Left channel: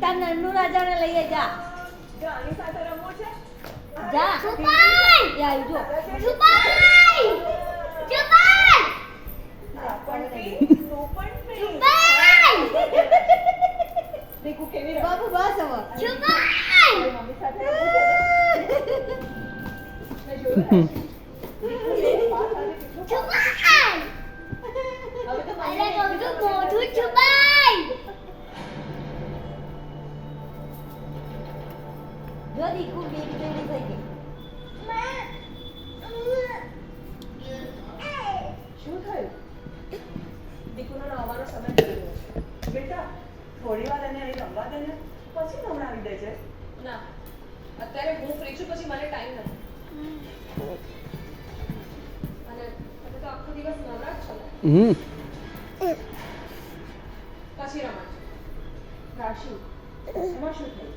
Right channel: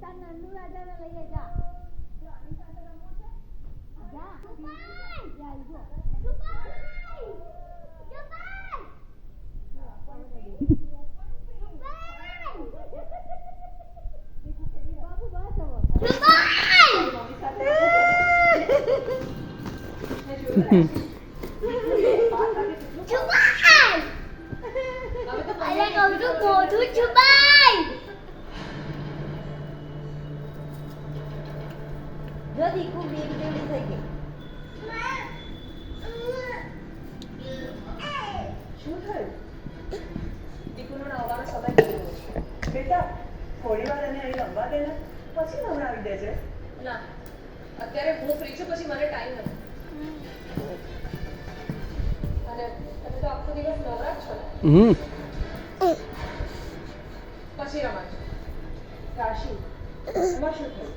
તાર નન્નુ રાજાને લઈએ જા જો આની સાથે રમવું છે જા છુપાઈ યા જો છુપાઈ છુપાઈ પણ પી તું પણ પી છુપાઈ દેખું કેવી રમે બાબુ બસ હવે છુપાઈ આની સાથે રમવું છે ને જોયું છુપાઈ અરે કહું છું મોઢું છુપાઈ જો દીકુ બેબી બેબી થઈ ગઈ શું થયું દીકુનો નવાનો સમય થઈ ગયો છે બેટા થોડી વાર એને અહીં રમવા દે ને પછી નવડાવી દેજે ના અત્યારે હું ફ્રી છું પછી મને ટાઈમ નથી અને તમે તો આખો દિવસ નવરા જ છો ને પછી રમાડજો કાશી એમાં શું થયું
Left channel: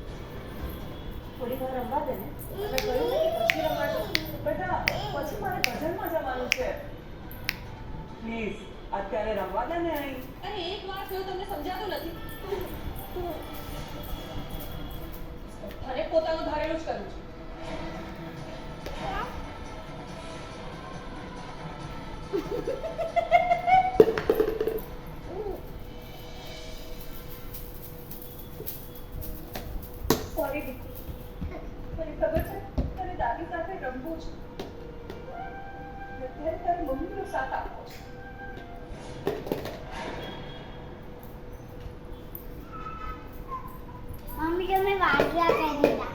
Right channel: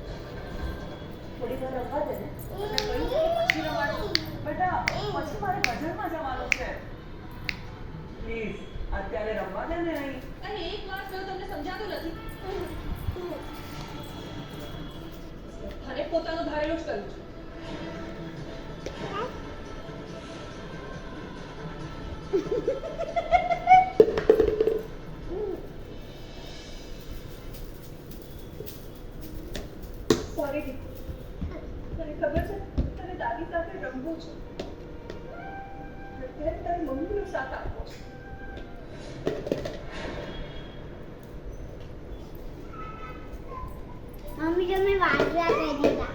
થોડી વાર રમવા દે ને મેં કહ્યું ને કે પછી રમાડો બેટા પછી મારે ભજનમાં જવાનું છે પ્લીઝ અત્યારે રમવા દે ને અહીં અરે એક વાર થયું તમને સમજાતું નથી અને પોતાનું ધારેલું જ કરવું છે સોરી દીકુ મને ખબર છે તને દાદી સાથે રમવું છે અત્યારે તારી મમ્મીનો સાથ આપવો છે મમ્મી તમે વાગ્યા કરી દીધા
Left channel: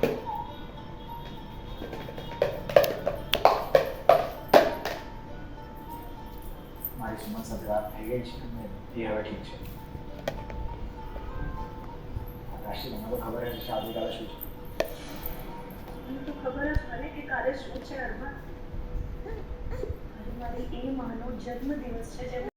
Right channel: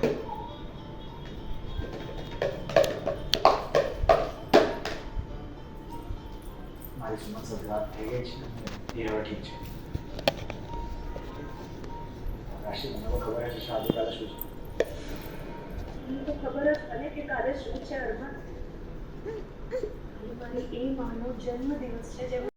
મારી સુમન સાથે વાત થઈ ગઈ છે અને એ હવે ઠીક છે કાશી મને તો ખબર જ છે આવતીકાલે શું છે મને તો ખબર જ મને કે કાલે શું છે અરમાન મારી એ માનો જન્મદિવસ છે જે